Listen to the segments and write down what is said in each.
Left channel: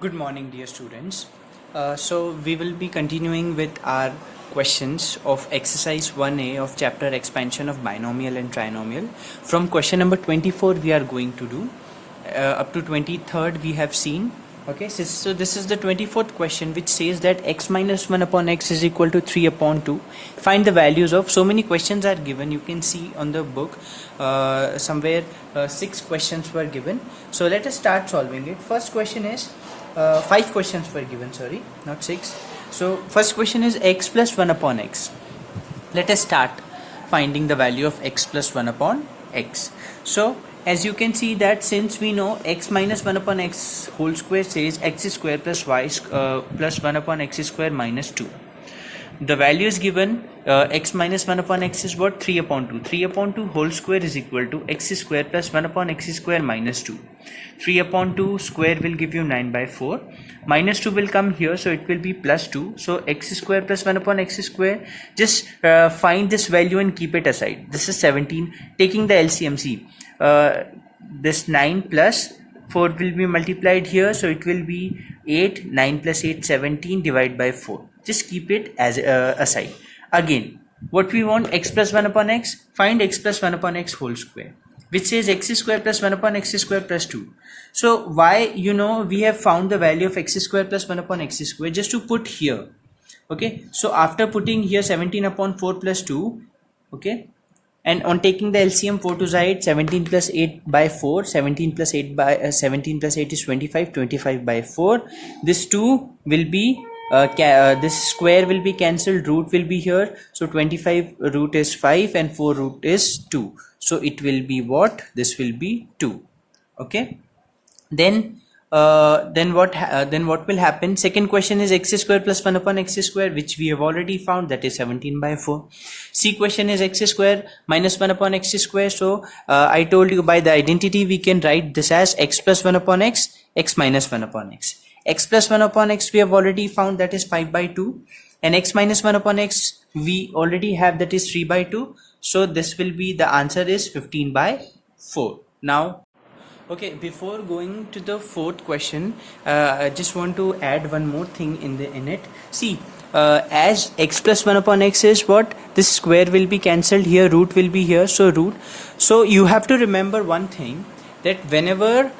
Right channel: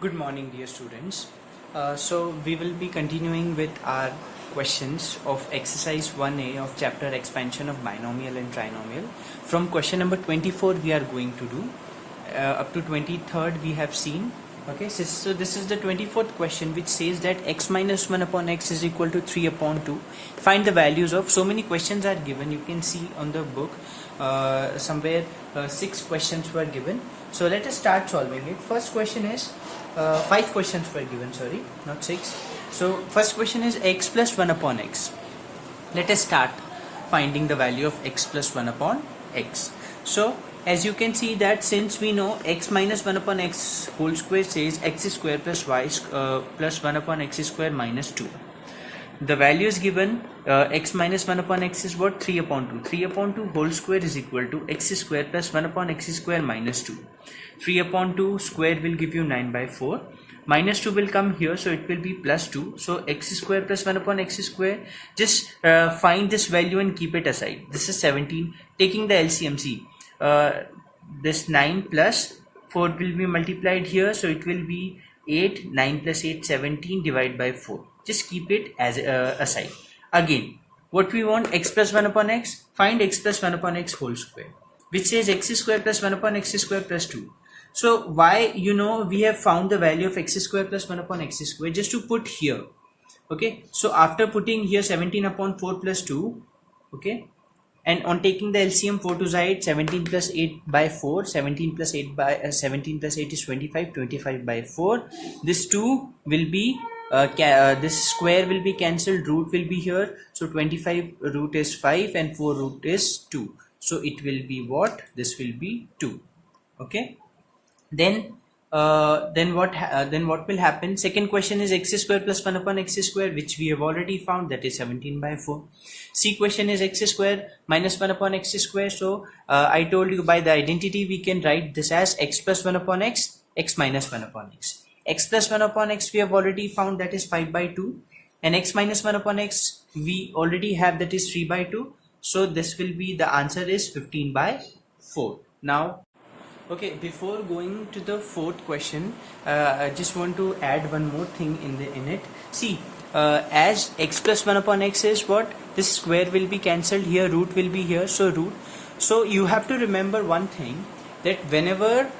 Good morning, dear students. So we will be continuing with our questions of exercise 1A of chapter expansion of binomial and trinomial. From question number 24 we are going to do up to 23rd we have seen. Okay, so this is the 24th question, which says that x minus 1 upon x is equal to 3 upon 2. Find the values of, so many questions are given. You can see on the book somewhere 6 questions were given. So let us start solving it. First question is 5 questions were given, sorry, not 6. So first question is x plus 1 upon x. Let us start finding the value of x plus 1 upon x. So as you can see that since we know x minus 1 upon x whole square says x square plus y plus 1 upon x square minus 2. The value is given x minus 1 upon x is what? 3 upon 2. 3 upon 2 whole square is equal to x square plus 1 upon x square minus 2. 3 upon 2 square will give you 9 by 4. Minus 2 will come here, so it will be plus 2. So x square plus 1 upon x square, just find this value and keep it aside. This is 17. Taking the LCM, see, this 9 plus 4 will be multiplied here, so it will be 8. 9 plus 8, 17, divide by 4. Just keep it as aside. Again, what we want, x plus 1 upon x, find x plus 1 upon x whole square, which says x square plus 1 upon x square plus 2. So why, we have found the value of x square plus 1 upon x square, just to put here. Okay, so after putting here 17 upon 4 plus 2, okay, and on taking the LCM, 4 to the 8, 17 plus 8 by 4, 17 plus 8 by 17 plus 8 is 25, 25 by 4. This 2 will be this square will be cancelled, root will be here, so 25 root is 5 and 4 root is 2, so it will be what? This will be 2. Okay, then what will happen? Second question is x square plus 1 upon x square, which we have already found, that is 17 by 4. C question is x square minus 1 upon x square. So I told you by the identity we can write this as x plus 1 upon x, x minus 1 upon x. X plus 1 upon x we have already found, that is 5 by 2, and x minus 1 upon x we already have, that is 3 by 2. So this will be, the answer is 15 by 4. Now, okay, before going to the fourth question, I just want to add one more thing in it. See, as x plus 1 upon x is what? This square will be cancelled here, root will be here, so root. So you have to remember one thing, that whenever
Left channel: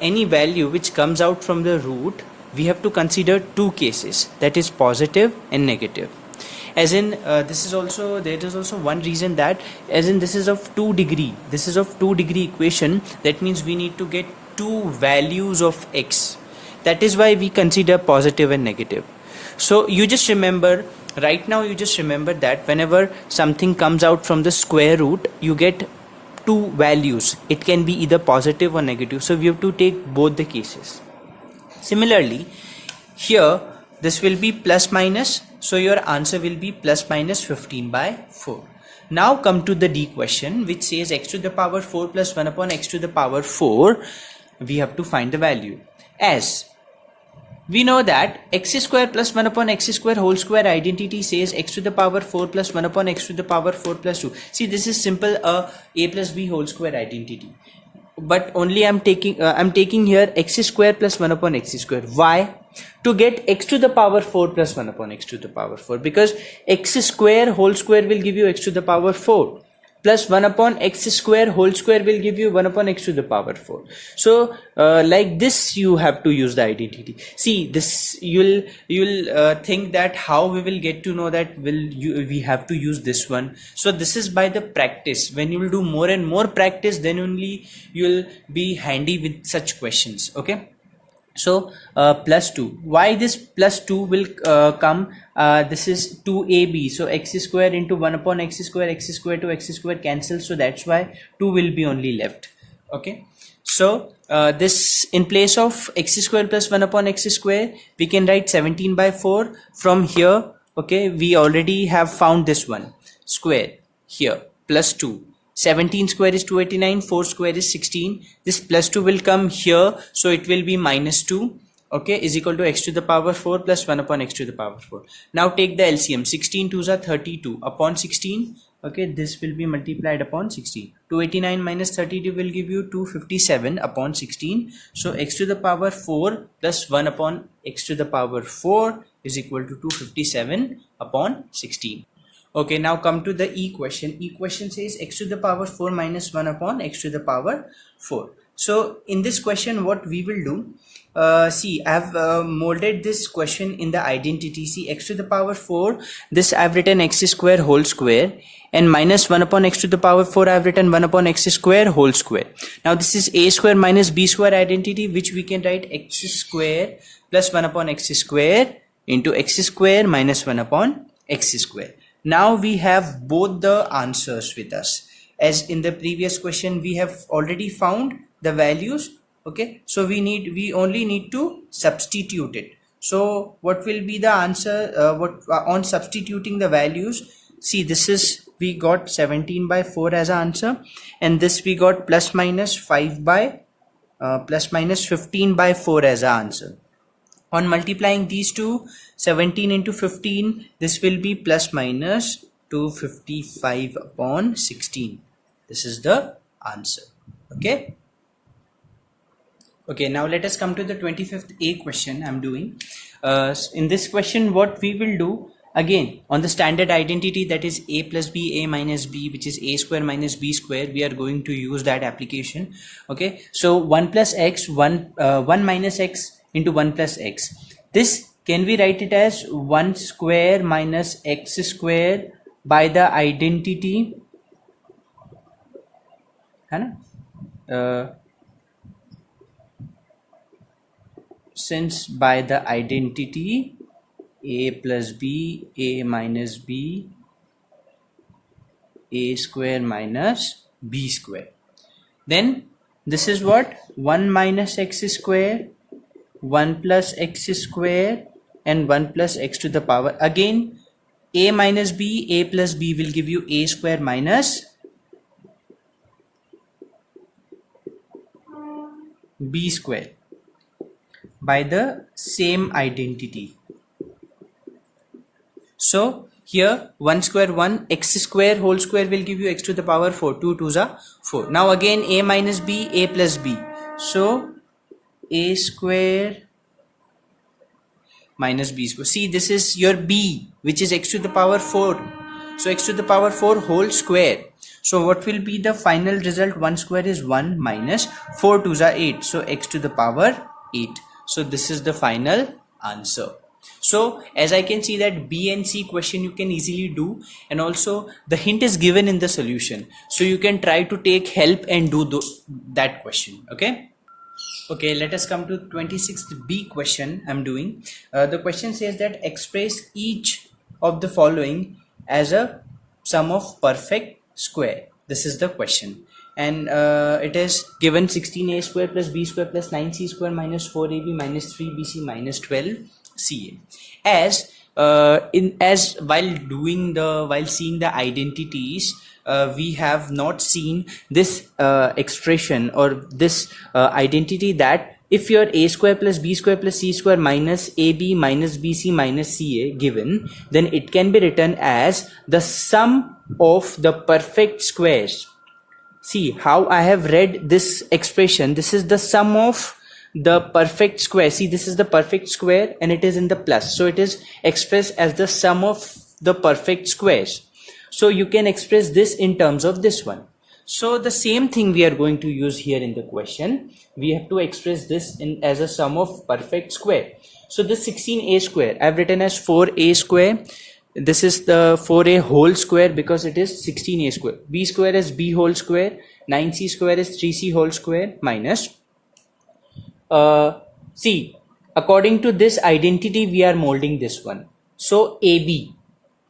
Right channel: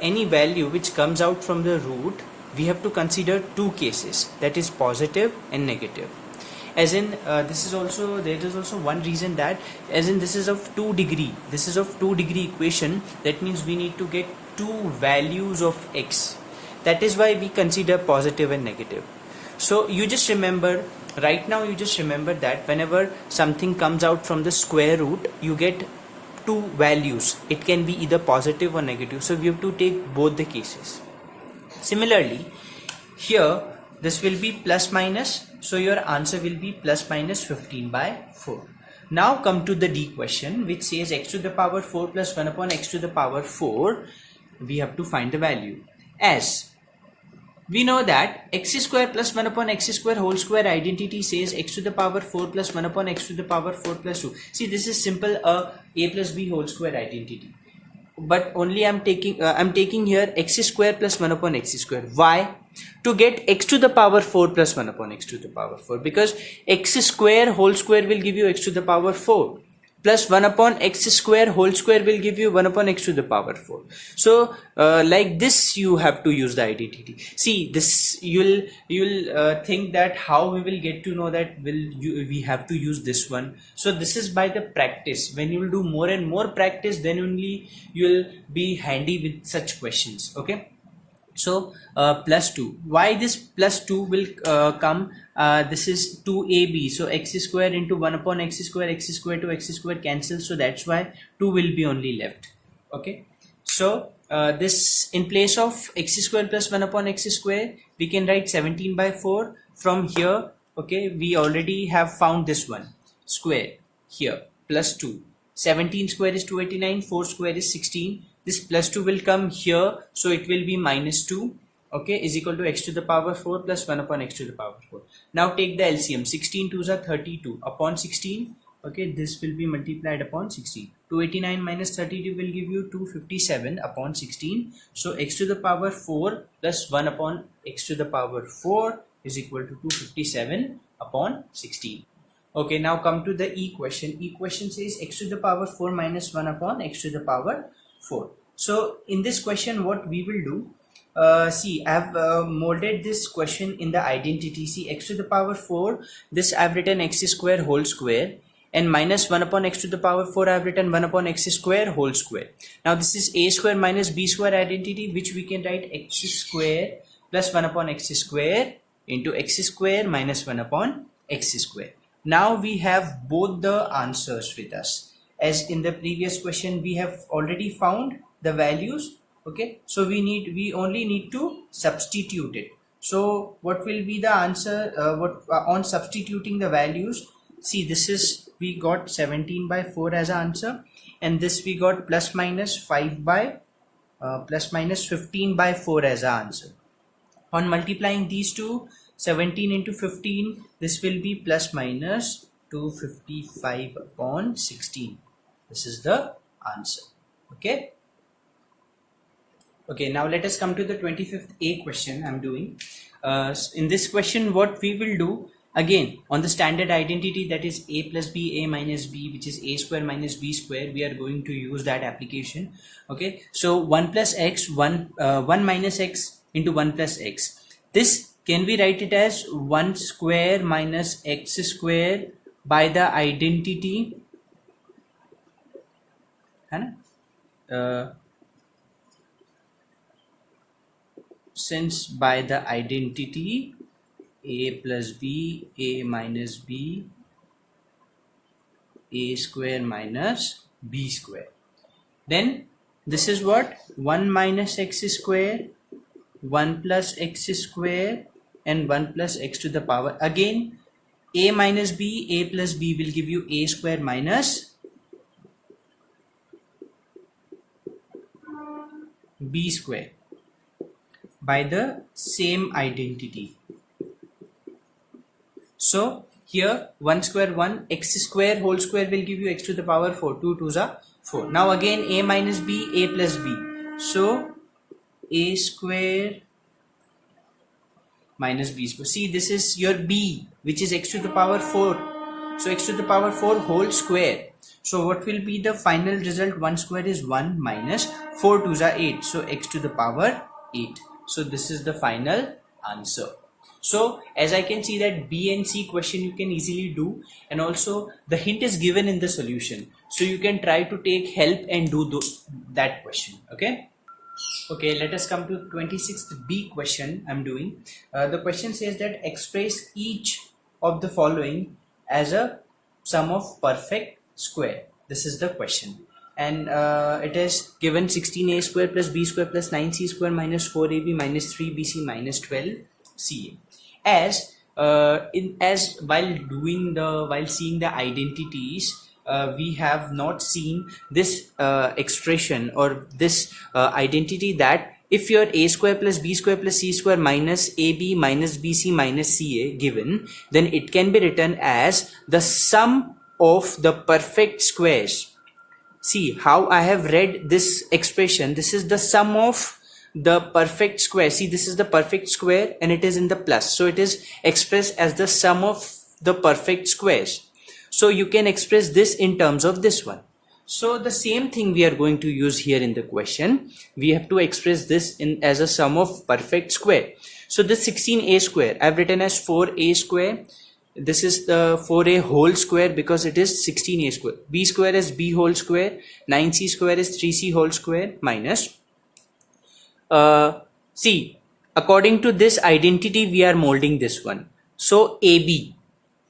any value which comes out from the root, we have to consider two cases, that is positive and negative. As in there is also one reason, that as in this is of 2 degree, this is of 2 degree equation, that means we need to get two values of x. That is why we consider positive and negative. So you just remember, right now you just remember that whenever something comes out from the square root, you get two values. It can be either positive or negative, so we have to take both the cases. Similarly, here this will be plus minus, so your answer will be plus minus 15 by 4. Now come to the D question, which says x to the power 4 plus 1 upon x to the power 4. We have to find the value. As we know that x square plus 1 upon x square whole square identity says x to the power 4 plus 1 upon x to the power 4 plus 2. See, this is simple a plus b whole square identity. But only I'm taking here x square plus 1 upon x square. Why? To get x to the power 4 plus 1 upon x to the power 4, because x square whole square will give you x to the power 4, plus 1 upon x square whole square will give you 1 upon x to the power 4. So like this you have to use the identity. See, this you'll think that how we will get to know that we have to use this one. So this is by the practice. When you will do more and more practice, then only you'll be handy with such questions. Okay, so plus 2. Why this plus 2 will come? This is 2ab, so x square into 1 upon x square to x square cancels, so that's why 2 will be only left. Okay, so this, in place of x square plus 1 upon x square, we can write 17 by 4 from here. Okay, we already have found this one, square here, plus 2. 17 square is 289, 4 square is 16. This plus 2 will come here, so it will be minus 2. Okay, is equal to x to the power 4 plus 1 upon x to the power 4. Now take the LCM. 16 2s are 32 upon 16. Okay, this will be multiplied upon 16. 289 minus 32 will give you 257 upon 16. So x to the power 4 plus 1 upon x to the power 4 is equal to 257 upon 16. Okay, now come to the equation. Equation says x to the power 4 minus 1 upon x to the power 4. So in this question, what we will do, see, I have molded this question in the identity. See, x to the power 4, this I have written x square whole square, and minus 1 upon x to the power 4, I have written 1 upon x square whole square. Now this is a square minus b square identity, which we can write x square plus 1 upon x square into x square minus 1 upon x square. Now we have both the answers with us. As in the previous question, we have already found the values. Okay, so we only need to substitute it. So what will be the answer on substituting the values? See, this is, we got 17 by 4 as an answer, and this we got plus minus 15 by 4 as an answer. On multiplying these two, 17 into 15, this will be plus minus 255 upon 16. This is the answer. Okay. Okay, now let us come to the 25th A question I'm doing. In this question, what we will do, again, on the standard identity, that is a plus b, a minus b, which is a square minus b square, we are going to use that application. Okay, so 1 plus x, 1 minus x into 1 plus x. This, can we write it as 1 square minus x square by the identity? Since by the identity a plus b, a minus b, a square minus b square, then this is what? 1 minus x square, 1 plus x square, and 1 plus x to the power. Again, a minus b, a plus b will give you a square minus b square by the same identity. So here 1 square 1, x square whole square will give you x to the power 4, 2 2s are 4. Now again a minus b, a plus b. So a square minus b square. See, this is your b, which is x to the power 4. So x to the power 4 whole square. So what will be the final result? 1 square is 1 minus 4 2s are 8. So x to the power 8. So this is the final answer. So as I can see that B and C question you can easily do, and also the hint is given in the solution. So you can try to take help and do that question. Okay. Okay, let us come to 26th B question I'm doing. The question says that express each of the following as a sum of perfect square. This is the question. And it is given 16a square plus b square plus 9c square minus 4ab minus 3bc minus 12ca. As while seeing the identities, we have not seen this expression or this identity that if your a square plus b square plus c square minus ab minus bc minus ca given, then it can be written as the sum of the perfect squares. See how I have read this expression. This is the sum of the perfect square. See, this is the perfect square and it is in the plus. So it is expressed as the sum of the perfect squares. So you can express this in terms of this one. So the same thing we are going to use here in the question. We have to express this as a sum of perfect square. So this 16a square I have written as 4a square. This is the 4a whole square because it is 16a square. B square is b whole square. 9c square is 3c whole square minus. See, according to this identity, we are molding this one. So AB.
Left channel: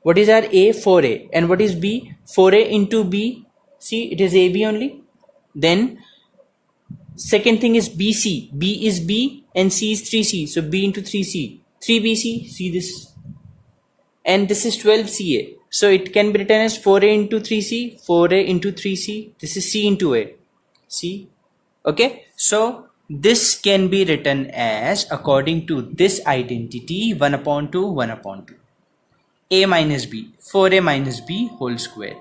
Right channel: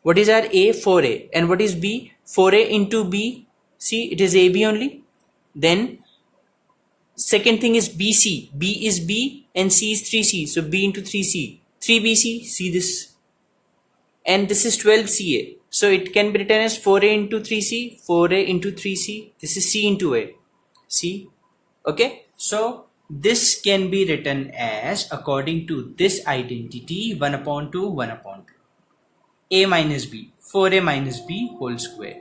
What is our A? 4a. And what is B? 4a into B. See, it is AB only. Then second thing is BC. B is B and C is 3c. So B into 3c. 3BC. See this. And this is 12ca. So it can be written as 4a into 3c, 4a into 3c. This is c into a. See? Okay. So this can be written as, according to this identity, 1 upon 2, 1 upon 2. A minus B, 4a minus B whole square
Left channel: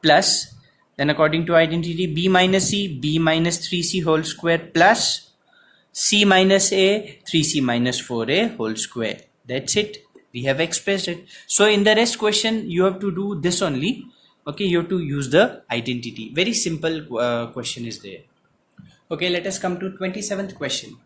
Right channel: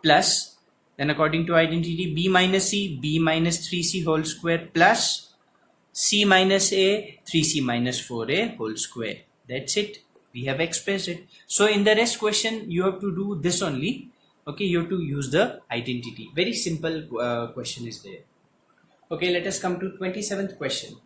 plus Then according to identity, b minus c, b minus 3c whole square plus c minus a, 3c minus 4a whole square. That's it. We have expressed it. So in the rest question, you have to do this only. Okay, you have to use the identity. Very simple question is there. Okay, let us come to 27th question.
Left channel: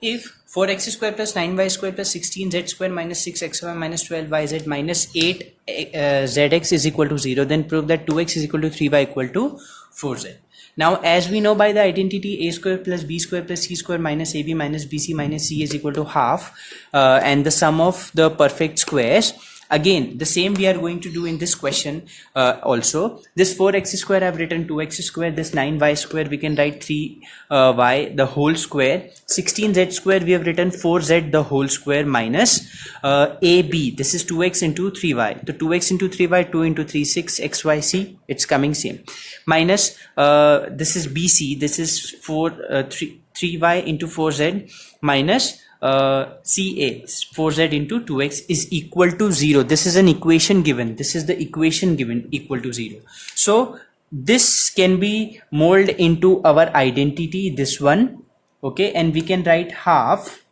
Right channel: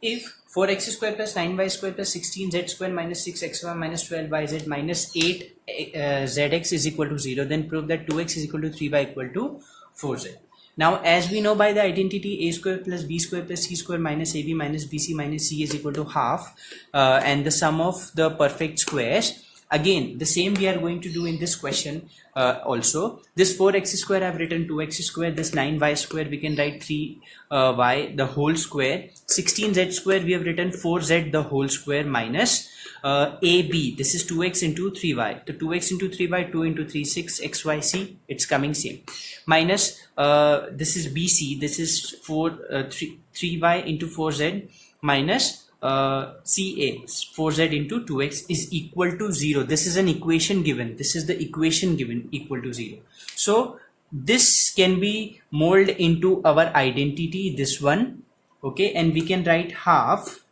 If 4x square plus 9y square plus 16z square minus 6xy minus 12yz minus 8zx is equal to 0, then prove that 2x is equal to 3y equal to 4z. Now, as we know by the identity, a square plus b square plus c square minus ab minus bc minus c is equal to half, and the sum of the perfect squares. Again, the same we are going to do in this question also. This 4x square I have written 2x square, this 9y square we can write 3y the whole square, 16z square we have written 4z the whole square minus ab, this is 2x into 3y. So 2x into 3y, 2 into 3, 6, xy, c, it's coming same. Minus this is bc, this is 3y into 4z minus CA 4z into 2x is equal to 0. This is an equation given. This is the equation given equal to 0. So this can be molded into our identity, this one. Okay, and we can write half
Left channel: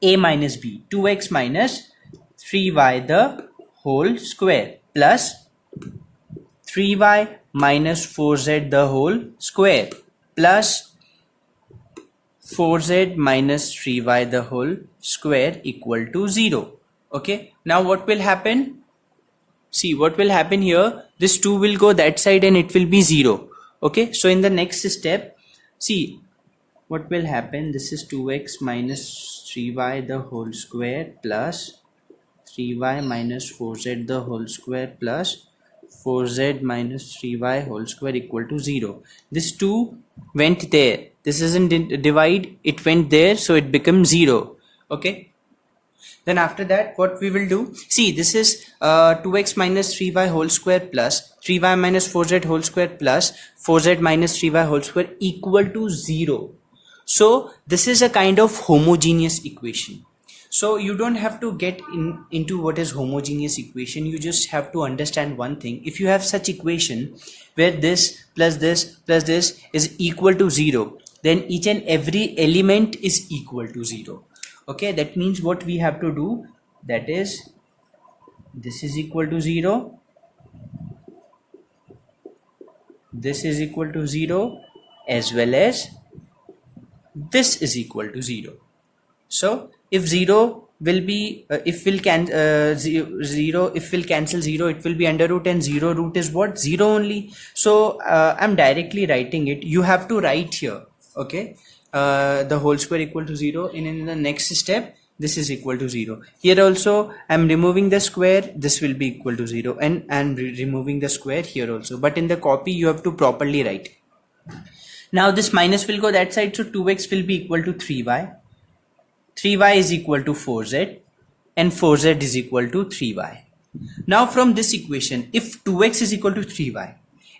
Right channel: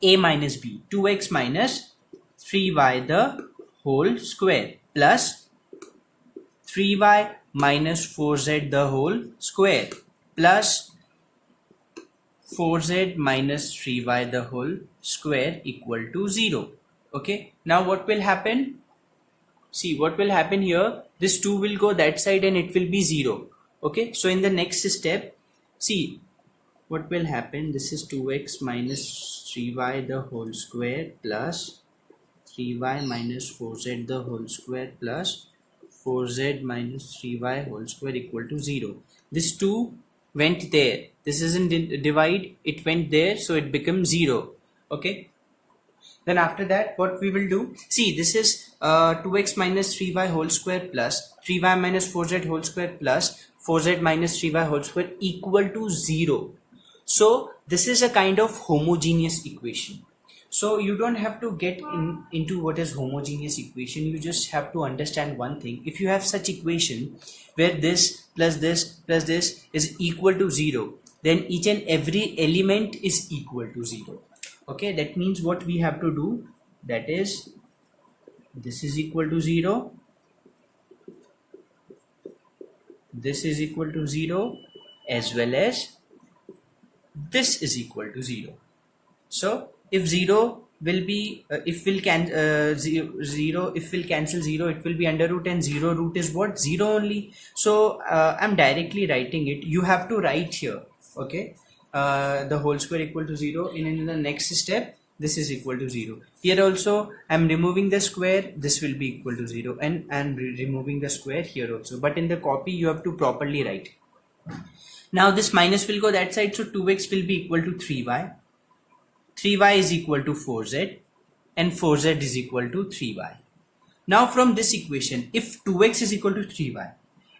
a minus b, 2x minus 3y the whole square plus 3y minus 4z the whole square plus 4z minus 3y the whole square equal to 0. Okay, now what will happen? See what will happen here, this 2 will go that side and it will be 0. Okay, so in the next step, see what will happen, this is 2x minus 3y the whole square plus 3y minus 4z the whole square plus 4z minus 3y whole square equal to 0. This 2 went there, this isn't divide, it went there, so it becomes 0. Okay, then after that what we will do, see this is 2x minus 3y whole square plus 3y minus 4z whole square plus 4z minus 3y whole square equal to 0. So this is a kind of homogeneous equation. So you don't have to get into what is homogeneous equation. You just have to understand one thing. If you have such equation where this plus this plus this is equal to 0, then each and every element is equal to 0. Okay, that means what we have to do, that is this is equal to 0, this is equal to 0, as well as this is equal to 0. So if 0 will be if we'll cancel 0, if we'll cancel 0, it will be under root, and 0 root is what, 0 only. So I'm directly writing it. You have to write here, okay, the whole square equal to 0, and in the next step this is equal to 0. Here also I'm removing the square, this will be equal to 0, and I'm removing the square here also, but in the copy you have to properly write. Now this minus will go that side, so 2x will be equal to 3y, 3y is equal to 4z, and 4z is equal to 3y. Now from this equation, if 2x is equal to 3y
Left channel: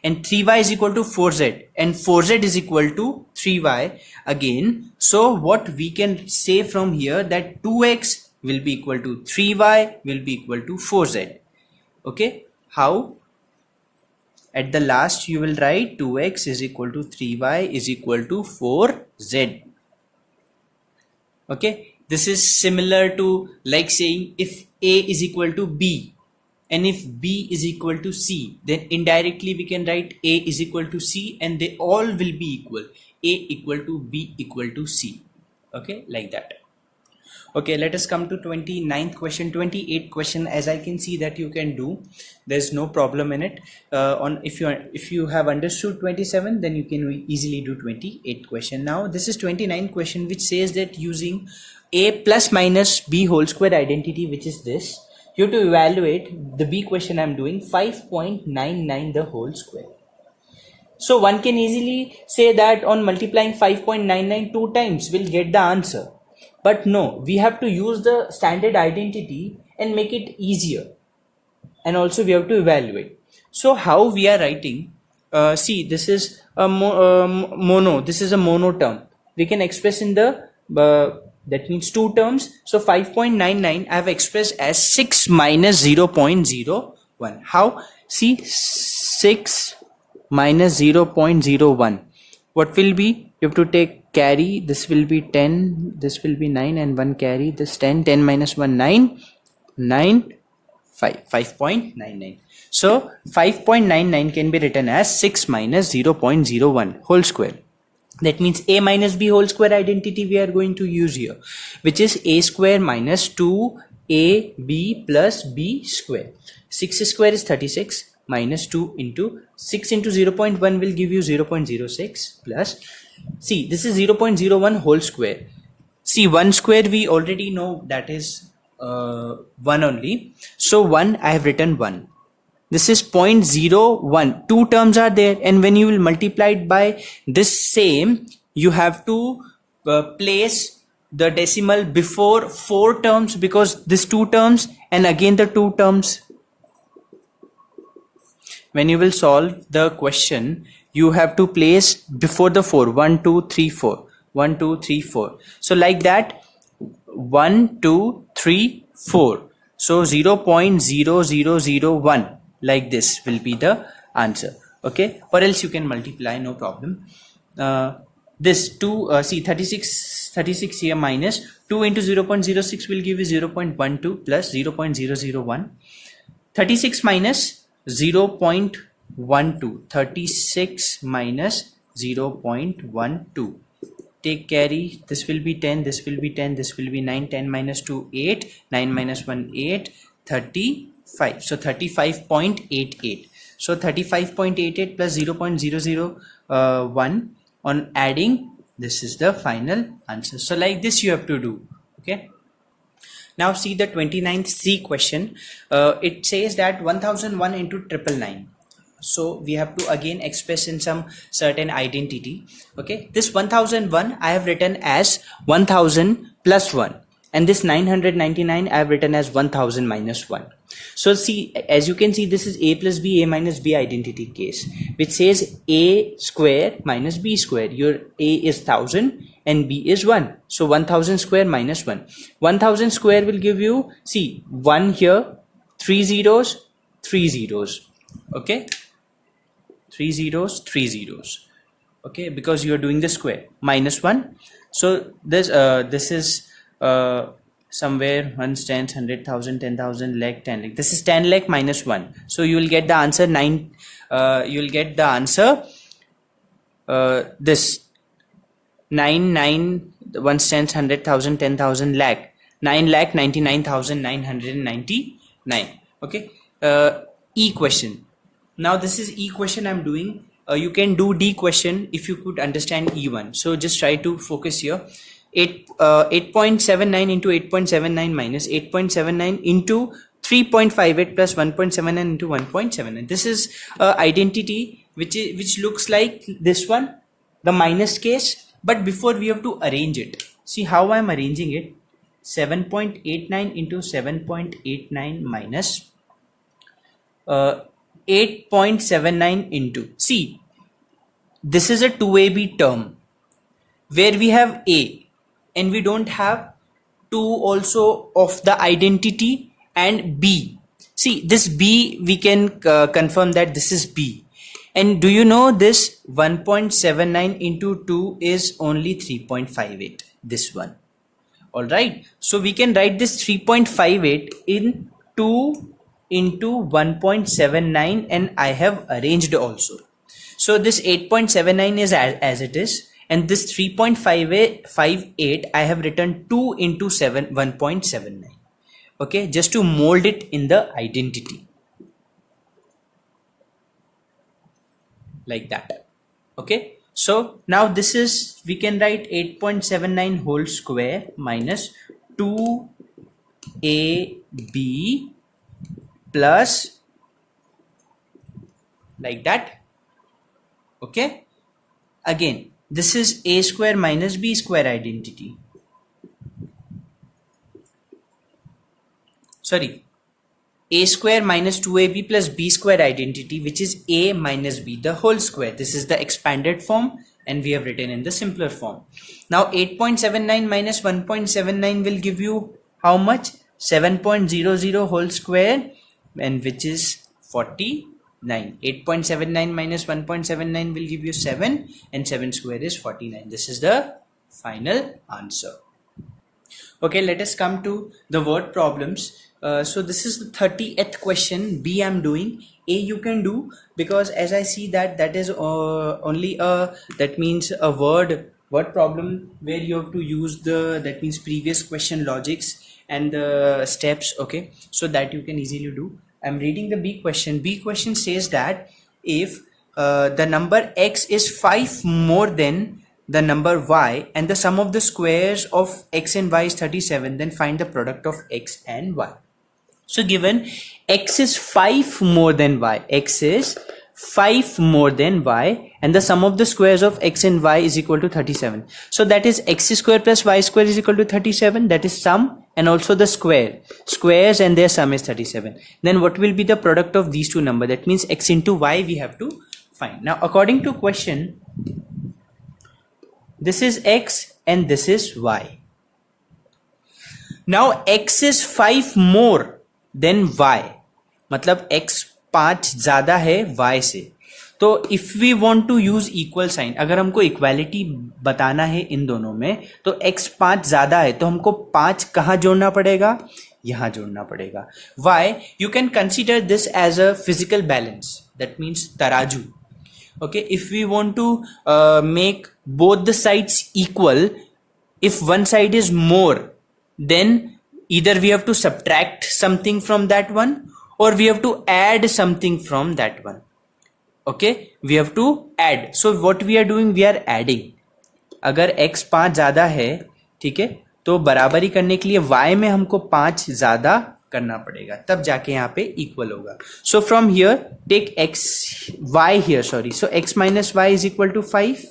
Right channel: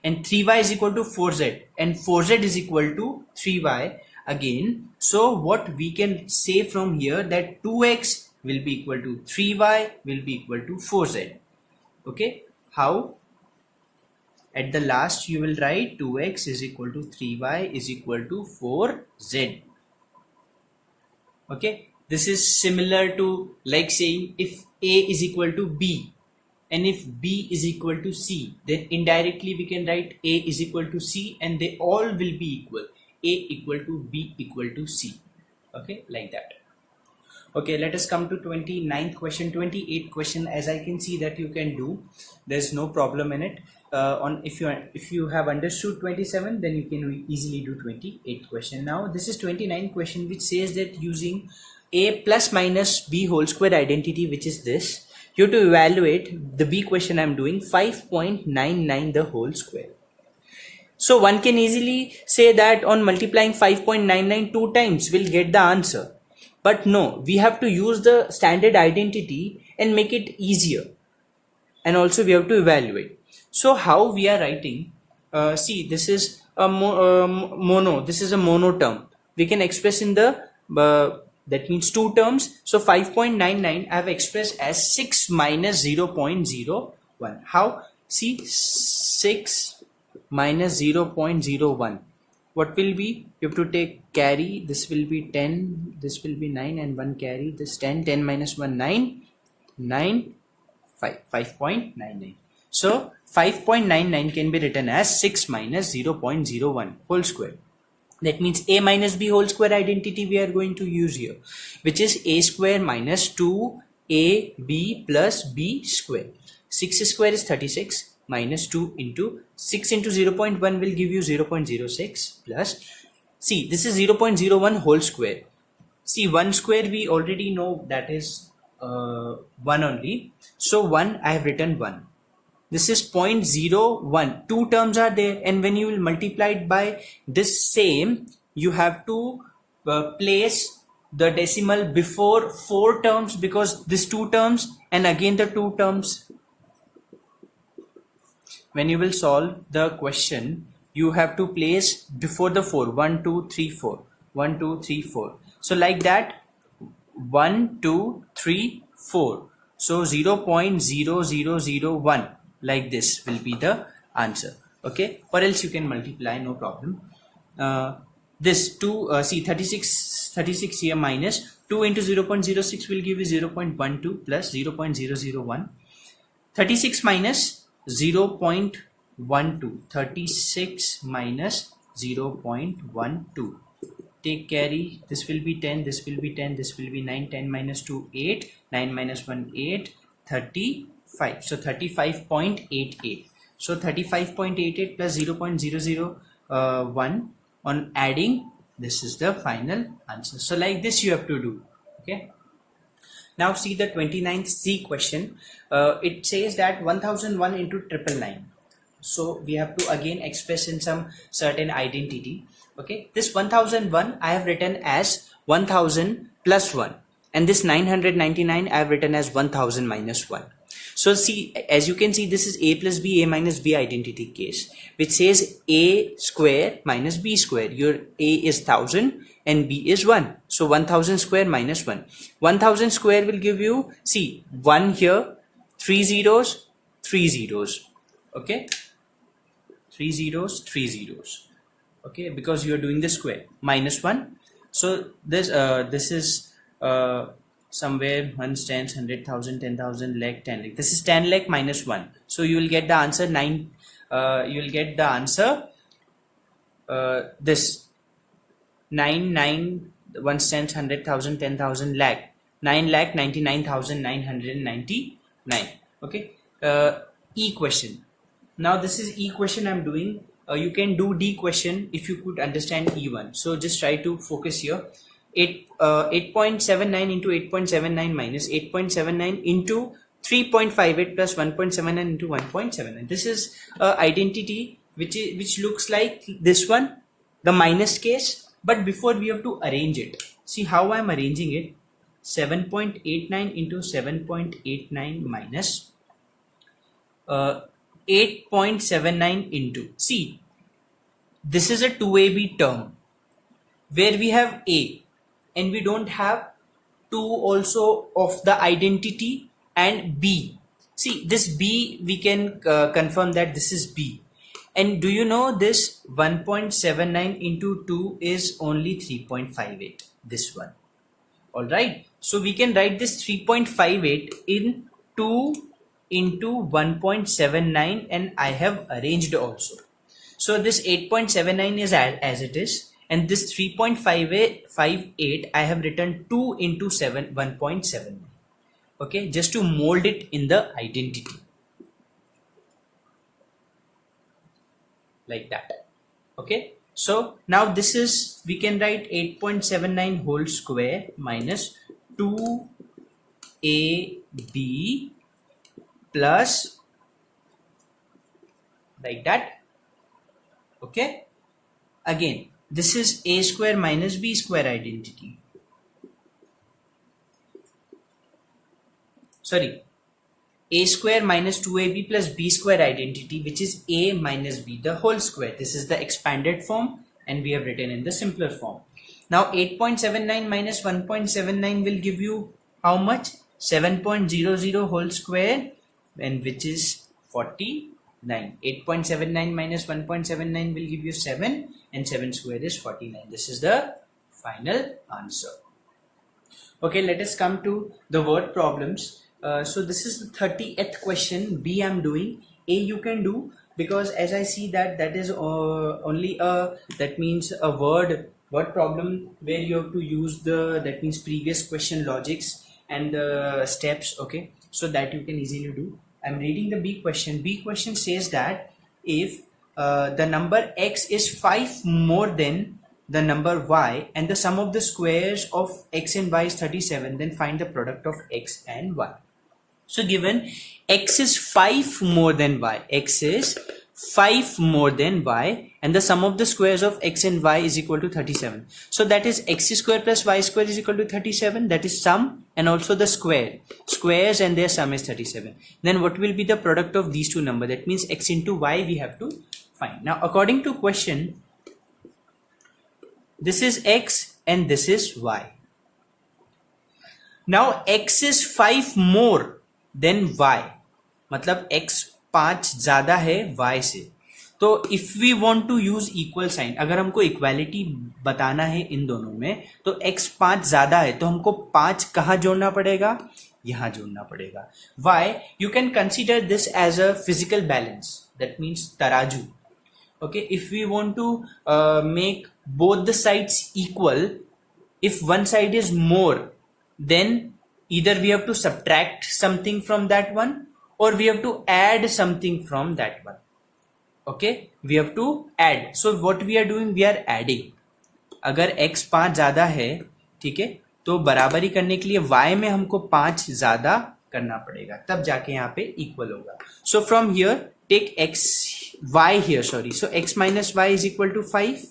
and 3y is equal to 4z and 4z is equal to 3y again, so what we can say from here, that 2x will be equal to 3y will be equal to 4z. Okay, how? At the last you will write 2x is equal to 3y is equal to 4z. Okay, this is similar to like saying if A is equal to B and if B is equal to C, then indirectly we can write A is equal to C, and they all will be equal. A equal to B equal to C. Okay, like that. Okay, let us come to 29th question. 28th question, as I can see that you can do, there's no problem in it. If you have understood 27, then you can easily do 28th question. Now this is 29th question, which says that using a plus minus b whole square identity, which is this, you have to evaluate the b question I'm doing, 5.99 the whole square. So one can easily say that on multiplying 5.99 two times we'll get the answer. But no, we have to use the standard identity and make it easier. And also we have to evaluate. So how we are writing, see this is a mono, this is a mono term. We can express in the, that means two terms. So 5.99 I have expressed as 6 minus 0.01. How? See, 6 minus 0.01. What will be? You have to take carry. This will be 10. This will be 9 and 1 carry. This 10. 10 minus 1 9. 9 5. 5.99. So 5.99 can be written as 6 minus 0.01 whole square. That means a minus b whole square identity we are going to use here, which is a square minus 2ab plus b square. 6 square is 36 minus 2 into 6 into 0.1 will give you 0.06 plus, see, this is 0.01 whole square. See, 1 square we already know that is 1 only. So 1, I have written 1. This is 0.01. Two terms are there, and when you will multiply it by this same, you have to place the decimal before 4 terms, because this 2 terms and again the 2 terms. When you will solve the question, you have to place before the 4. 1, 2, 3, 4. 1, 2, 3, 4. So like that, 1, 2, 3, 4. So 0.0001. Like this will be the answer. Okay, or else you can multiply, no problem. This 2, see, 36 here minus 2 into 0.06 will give you 0.12 plus 0.001. 36 minus 0.12. 36 minus 0.12. Take carry. This will be 10. This will be 10. This will be 9. 10 minus 2 8. 9 minus 1 8. 35. So 35.88. So 35.88 plus 0.001 on adding, this is the final answer. So like this you have to do. Okay. Now see the 29th C question. It says that 1001 into 999. So we have to again express in some certain identity. Okay. This 1001 I have written as 1000 plus 1. And this 999 I have written as 1000 minus 1. So see, as you can see, this is a plus b, a minus b identity case, which says a square minus b square. Your a is 1000 and b is 1. So 1000 square minus 1. 1000 square will give you, see, 1 here, 3 zeros, 3 zeros. Okay. 3 zeros, 3 zeros. Okay, because you are doing the square. Minus 1. So this is somewhere 1 tens, 100,000, 10,000, lakh, 10 lakh. This is 10 lakh minus 1. So you will get the answer 9. You will get the answer this 9 1 tens, 100,000, 10,000, lakh. 9,99,999. Okay. E question. Now this is E question I'm doing. You can do D question if you could understand E1. So just try to focus here. 8.79 into 8.79 minus 8.79 into 3.58 plus 1.79 into 1.79. This is identity which looks like this one, the minus case. But before we have to arrange it. See how I am arranging it. 7.89 into 7.89 minus 8.79 into. See, this is a 2ab term where we have a. And we don't have 2 also of the identity and b. See, this b we can confirm that this is b. And do you know this 1.79 into 2 is only 3.58, this one. Alright, so we can write this 3.58 in 2 into 1.79 and I have arranged also. So this 8.79 is as it is. And this 3.58 I have written 2 into 1.79. Okay, just to mold it in the identity. Like that. Okay, so now this is, we can write 8.79 whole square minus 2ab plus, like that. Okay, again. This is a square minus b square identity. Sorry, a square minus 2ab plus b square identity, which is a minus b, the whole square. This is the expanded form and we have written in the simpler form. Now 8.79 minus 1.79 will give you how much? 7.00 whole square, and which is 40 9. 8.79 minus 1.79 will give you 7, and 7 square is 49. This is the final answer. Okay, let us come to the word problems. So this is the 30th question. B I'm doing. A you can do, because as I see that is only a, that means a word problem where you have to use the, that means previous question logics and the steps. Okay, so that you can easily do. I'm reading the B question. B question says that if the number x is 5 more than the number y and the sum of the squares of x and y is 37, then find the product of x and y. So given x is 5 more than y, x is 5 more than y, and the sum of the squares of x and y is equal to 37. So that is x square plus y square is equal to 37. That is sum and also the squares and their sum is 37. Then what will be the product of these two numbers? That means x into y we have to find. Now according to question, this is x and this is y. Now x is 5 more than y, मतलब x 5 ज़्यादा है y से. तो if we want to use equal sign, अगर हमको equality बताना है इन दोनों में, तो x 5 ज़्यादा है तो हमको 5 कहाँ जोड़ना पड़ेगा? यहाँ जोड़ना पड़ेगा. Why? You can consider this as a physical balance. That means तराजू. Okay, if we want to make both the sides equal, if one side is more, then either we have to subtract something from that one or we have to add something from that one. Okay, we have to add. So what we are doing, we are adding. अगर x 5 ज़्यादा है, ठीक है, तो बराबरी करने के लिए y में हमको 5 ज़्यादा करना पड़ेगा, तब जाके यहाँ पे इक्वल होगा. So from here take x y here, sorry, so x minus y is equal to 5.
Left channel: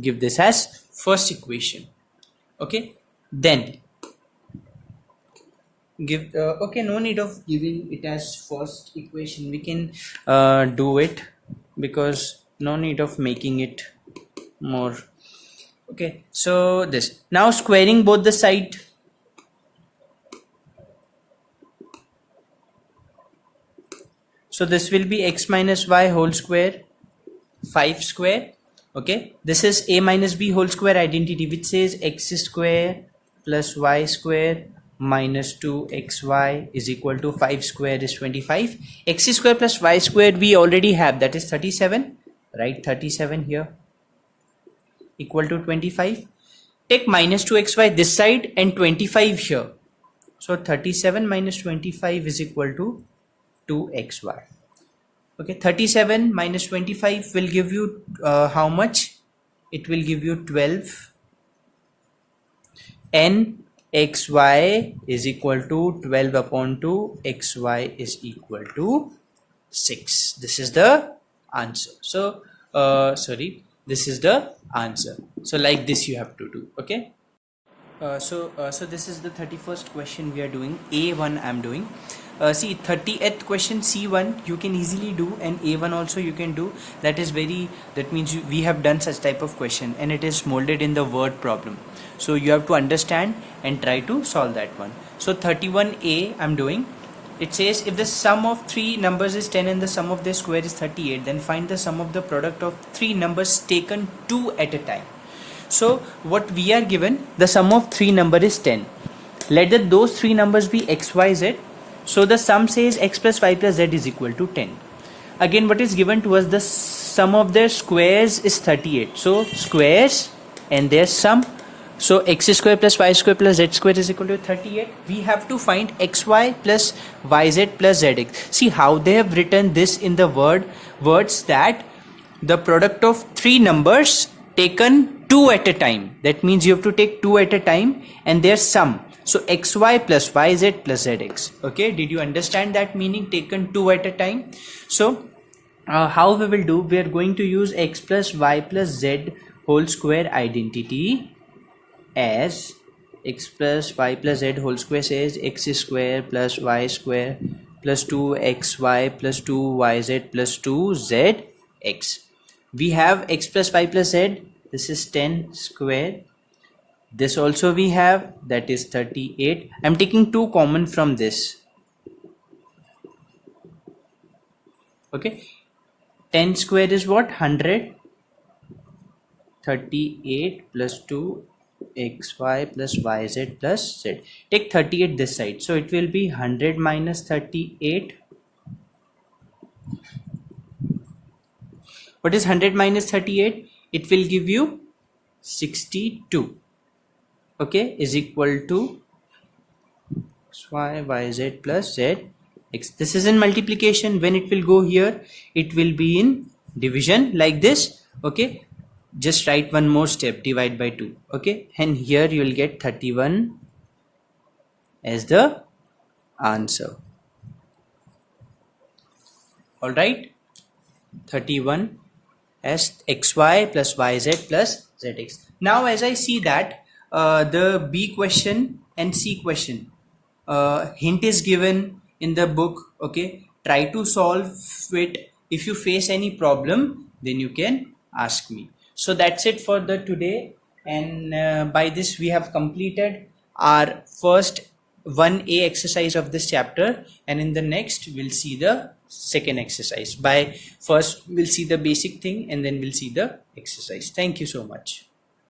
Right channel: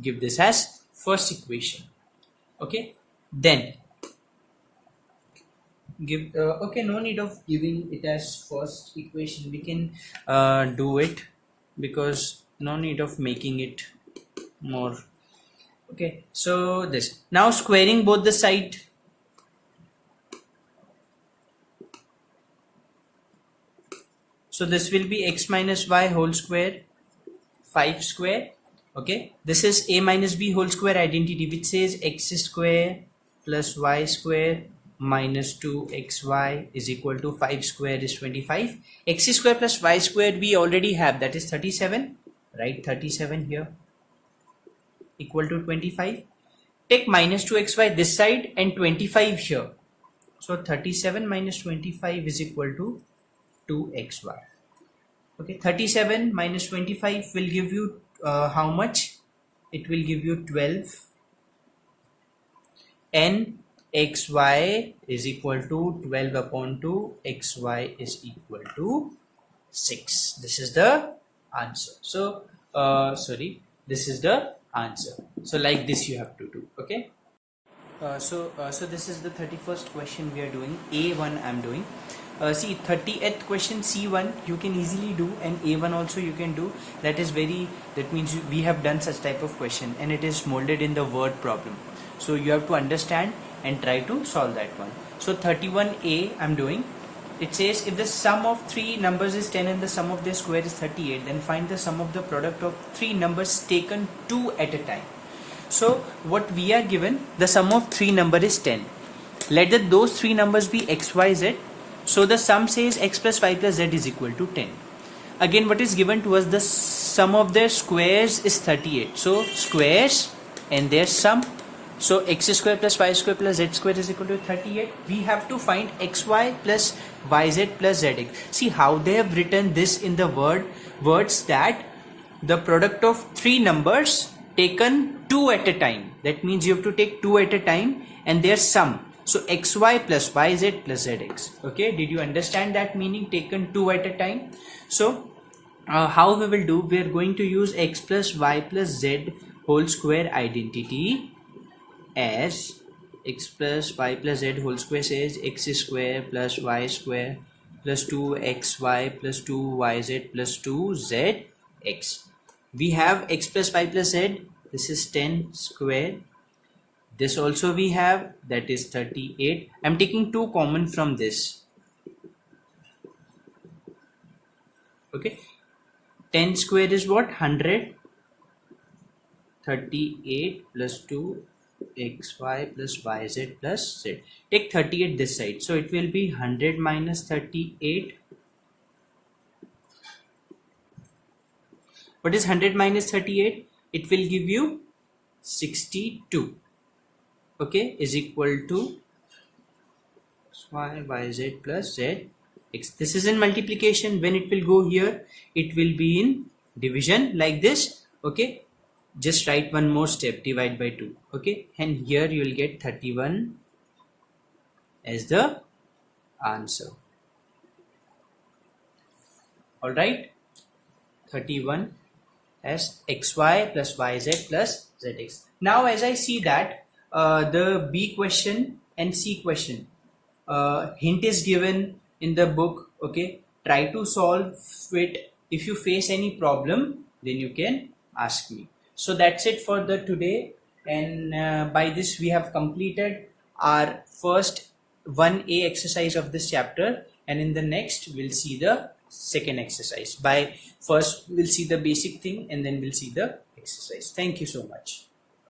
Give this as first equation. Okay, then give okay, no need of giving it as first equation. We can do it because no need of making it more. Okay, so this, now squaring both the side. So this will be x minus y whole square, 5 square. Okay, this is a minus b whole square identity, which says x square plus y square minus 2xy is equal to 5 square is 25. X square plus y square we already have, that is 37. Right, 37 here equal to 25. Take minus 2xy this side and 25 here. So 37 minus 25 is equal to 2xy. Okay, 37 minus 25 will give you how much? It will give you 12. And xy is equal to 12 upon 2. Xy is equal to 6. This is the answer. So, this is the answer. So like this you have to do. Okay. So this is the 31st question we are doing. A1 I'm doing. See, 30th question C1 you can easily do, and A1 also you can do. That means we have done such type of question, and it is molded in the word problem. So you have to understand and try to solve that one. So 31A I'm doing. It says if the sum of three numbers is 10 and the sum of their square is 38, then find the sum of the product of three numbers taken two at a time. So what we are given, the sum of three number is 10. Let those three numbers be x, y, z. So the sum says x plus y plus z is equal to 10. Again, what is given to us, the sum of their squares is 38. So squares and their sum. So x square plus y square plus z square is equal to 38. We have to find xy plus yz plus zx. See how they have written this in the words that the product of three numbers taken two at a time. That means you have to take two at a time and their sum. So xy plus yz plus zx. Okay, did you understand that meaning, taken two at a time? So how we will do, we are going to use x plus y plus z whole square identity as x plus y plus z whole square says x square plus y square plus 2xy plus 2yz plus 2zx. We have x plus y plus z, this is 10 square. This also we have, that is 38. I'm taking 2 common from this. Okay, 10 square is what? 100. 38 plus 2 xy plus yz plus z. Take 38 this side, so it will be 100 minus 38. What is 100 minus 38? It will give you 62. Okay, is equal to y yz plus z x. This is in multiplication. When it will go here, it will be in division like this. Okay, just write one more step, divide by 2. Okay, and here you will get 31 as the answer. All right, 31 as xy plus yz plus zx. Now as I see that the B question and C question, hint is given in the book. Okay, try to solve it. If you face any problem, then you can ask me. So that's it for the today, and by this we have completed our first 1A exercise of this chapter, and in the next we'll see the second exercise. By first we'll see the basic thing and then we'll see the exercise. Thank you so much.